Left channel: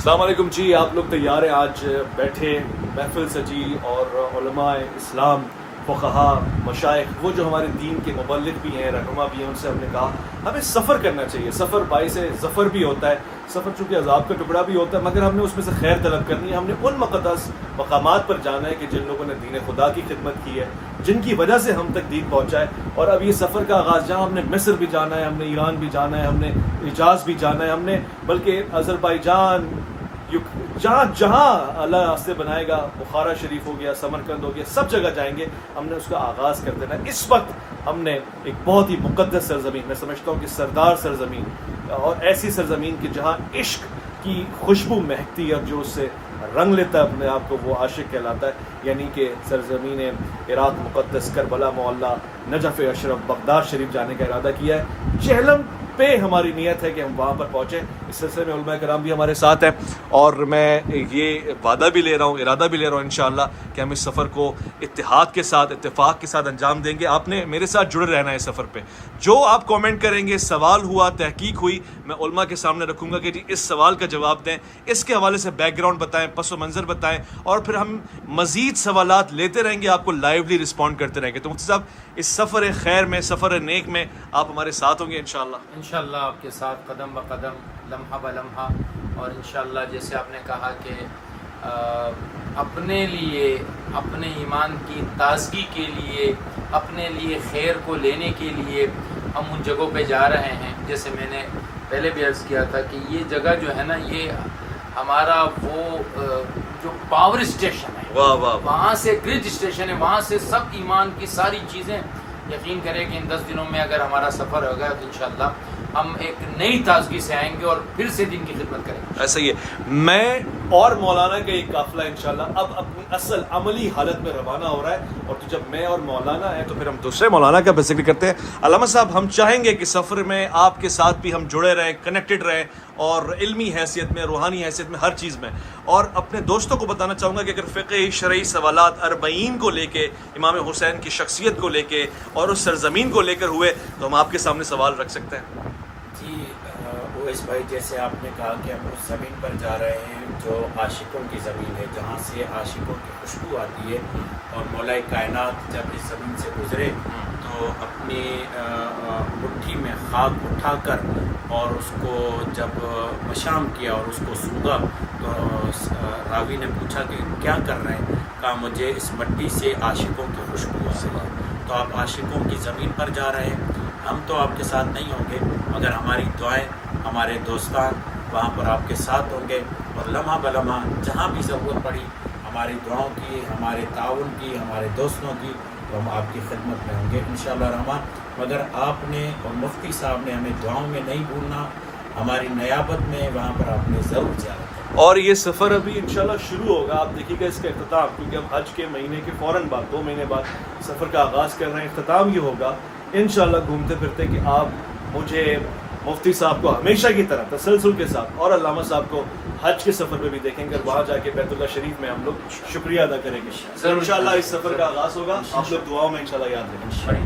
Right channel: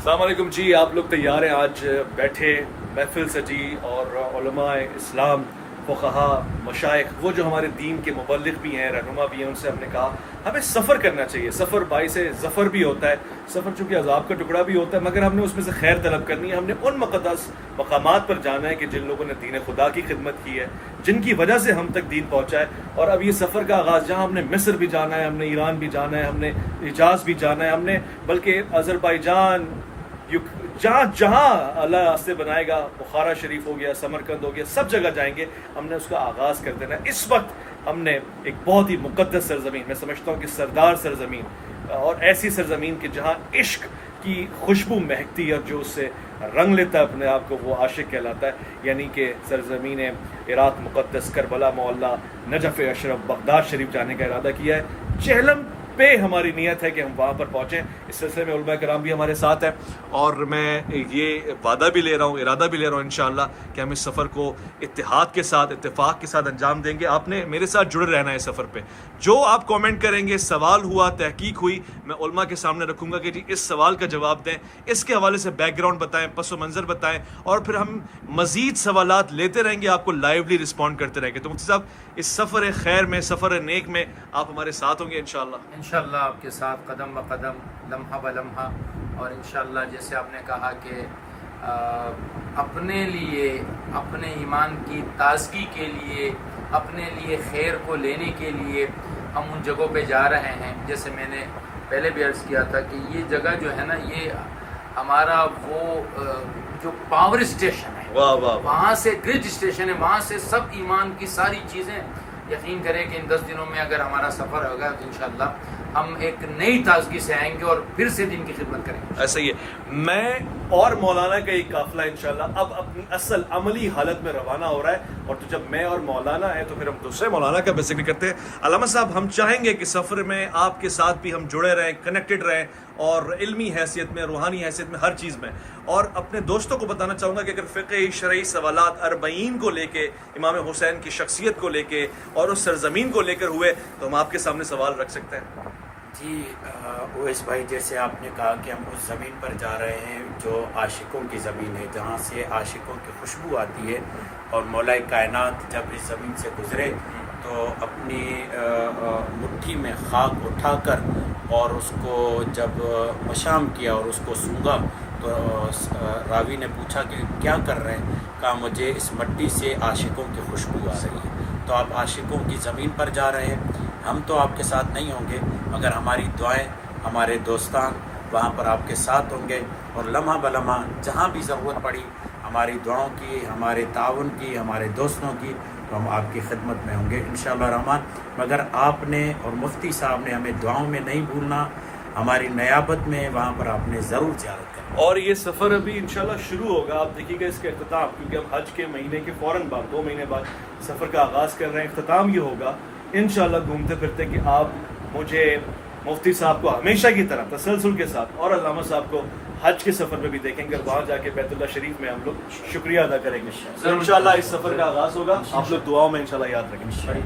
السلام علیکم جی، آپ لوگ تیار ہیں؟ آج بیٹھے محفل سجی اور علماء اسلام، فقہا، مشائخ، وہ جو ہمارے دین کے مبلغ بھی ہیں، رہنما بھی ہیں، ان سے ہم نے کہا ہمیں سفر کرنا چاہیے. سفر باعث ظفر بھی ہوتا ہے، سفر چونکہ عذاب کا ٹکڑا بھی ہوتا ہے، مگر ہم نے اس میں سے خیر طلب کرنی ہے. ہم نے ان مقدس مقامات پر جانا ہے کہ جن لوگوں نے دین خدا کی خدمت کی ہے، جن کی وجہ سے ہم تک دین پہنچا ہے. اور اب یہ سفر کا آغاز، جہاں ہم نے مصر بھی جانا ہے، ہم نے ایران بھی جانا ہے، ہم نے حجاز بھی جانا ہے، ہم نے بلکہ آذربائیجان، جہاں جہاں اللہ راستے بنائے گا، بخارا شریف ہو گیا، سمرقند ہو گیا، سب جگہ جائیں گے. ہم نے اس کا آغاز کر دینا ہے. اس وقت ہم نے ایک بہت ہی مقدس سرزمین، میں سمجھتا ہوں کہ سردار سرزمین، اور ایسی سرزمین کہ جہاں عشق کی خوشبو مہکتی ہے اور جو اس سے رنگ لیتا ہے اپنے آپ کو، وہ عاشق کہلاتا ہے. یعنی کہ سرزمین عراق مقدس، کربلا معلیٰ، نجف اشرف، بغداد شریف جانے کا ارادہ کیا ہے. جہلم پہ ہماری نیت ہے کہ ہم وہاں پر پہنچیں. اس سلسلے میں علماء کرام بھی ہمارے ساتھ ہیں، اور میں یہ وعدہ بھی لے رہا ہوں، ارادہ بھی لے رہا ہوں انشاءاللہ کہ ہم اس سفر کو اتحاد کے ساتھ، اتفاق کے ساتھ انجام دیں گے. آپ نے میرے ساتھ جڑے رہنا ہے اس سفر پہ. جو آپ کامنٹ کریں گے، سوال ہوا، تحقیق ہوئی، میں علماء کے سامنے رکھوں گا کہ جی اس سوال کا جواب دیں، اس کے حوالے سے بیک گراؤنڈ بتائیں، پس و منظر بتائیں، اور پھر ہم مزید سوالات لیتے رہیں گے، آپ کو لائیولی رسپونڈ کرتے رہیں گے. تو مفتی صاحب، اس سفر خیر میں، سفر نیک میں آپ ہمارے ساتھ ہوں گے انشاءاللہ؟ انشاءاللہ آپ کے ساتھ قدم بہ قدم، لمحہ بہ لمحہ. اور انشاءاللہ جیسے آپ نے کہا کہ اپنے لیے، اپنے ایمان کی تازگی کے لیے، اپنے لیے خیر کو لینے کے لیے ہم ان جگہوں پہ جا رہے ہیں. جیسے میں نے پہلے بھی عرض کیا تھا کہ یہ جگہ جو ہے نا، یہ ہمارا وہ جو پاور اسٹیشن ہے، واہ واہ، وہاں سے گرج اسٹیشن ہے، وہاں سے سب ایمان کی ساری چیزیں. یقین کریں کہ ان 10 دنوں میں اگر ہمارا سفر ہوگا تو انشاءاللہ ہم ایک نئی تازگی سے آئیں گے اور پھر سے دین کی خدمت کریں گے. ایسا ہی ہے. میں اور مولانا کا ایک قافلہ انشاءاللہ اب اپنی اصل عملی حالت میں روانہ ہو رہا ہے. اور تو جب میں اور مولانا ہیں تو پھر ہم دوسرے مولانا کا ذکر کرتے ہیں. علامہ صاحب، ہم چاہیں گے کہ سفر میں آپ کے ساتھ بھی ہم جڑے رہیں، کنیکٹڈ رہیں، اور علمی حیثیت میں، روحانی حیثیت میں، ہر چیز میں. اور اپنے دوستوں کو بتانا چاہوں گا کہ اگر فقہی شرعی سوالات 40 کو لے کے، امام حسین کی شخصیت کو لے کے اور اس سرزمین کو لے کر ہوئے تو ہم آپ کے سامنے سوال رکھ سکتے ہیں. جی اویس بھائی، جیسے آپ نے کہا کہ ہم اس زمین پر جا رہے ہیں جو عاشقوں کی زمین ہے، جہاں سے عاشقوں کی خوشبو آتی ہے، اور مولا کائنات جب اس زمین سے گزرے تو اپنی مٹھی میں خاک اٹھا کر اور اس کو جب مشام کیا اور اس کو سونگا تو راوی نے پوچھا کہ کیا کر رہے ہیں؟ کہا مجھے اس مٹی سے عاشقوں کی خوشبو آ رہی ہے. تو آپ عاشقوں کی زمین پر جا رہے ہیں. ہم تو آپ کے ساتھ نہیں ہوں گے، مگر ہماری دعائیں، ہمارے دوستان وہاں پر آپ کے ساتھ ہوں گے. اور لمحہ بہ لمحہ جہاں بھی ضرورت پڑی ہماری دعاؤں کی، ہمارے تعاون کی، ہمارے دوستوں کی، تو ہم آپ کی خدمت میں ہوں گے انشاءاللہ الرحمن. مگر آپ نے اور مفتی صاحب نے ہمیں دعاؤں میں نہیں بھولنا. ہماری نیابت میں وہاں پر آپ نے ضرور جانا. اور یہ سفر ابھی انشاءاللہ شروع ہوگا. آپ دیکھیے گا اس کا اختتام، کیونکہ ہم حج کے مہینے کے فوراً بعد 2 مہینے بعد سفر کا آغاز کر رہے ہیں. اختتام یہ ہوگا انشاءاللہ گھومتے پھرتے کہ آپ مجھے، مفتی صاحب کو ہمیشہ کی طرح تسلسل کے ساتھ، اور علامہ صاحب کو حج کے سفر میں بھی دیکھیں گے. اور وہاں جا کے بیت اللہ شریف میں ہم لوگ شکریہ ادا کریں گے. انشاءاللہ اس سفر کا آغاز ہوگا. آپ لوگ دعاؤں میں انشاءاللہ یاد رکھیں.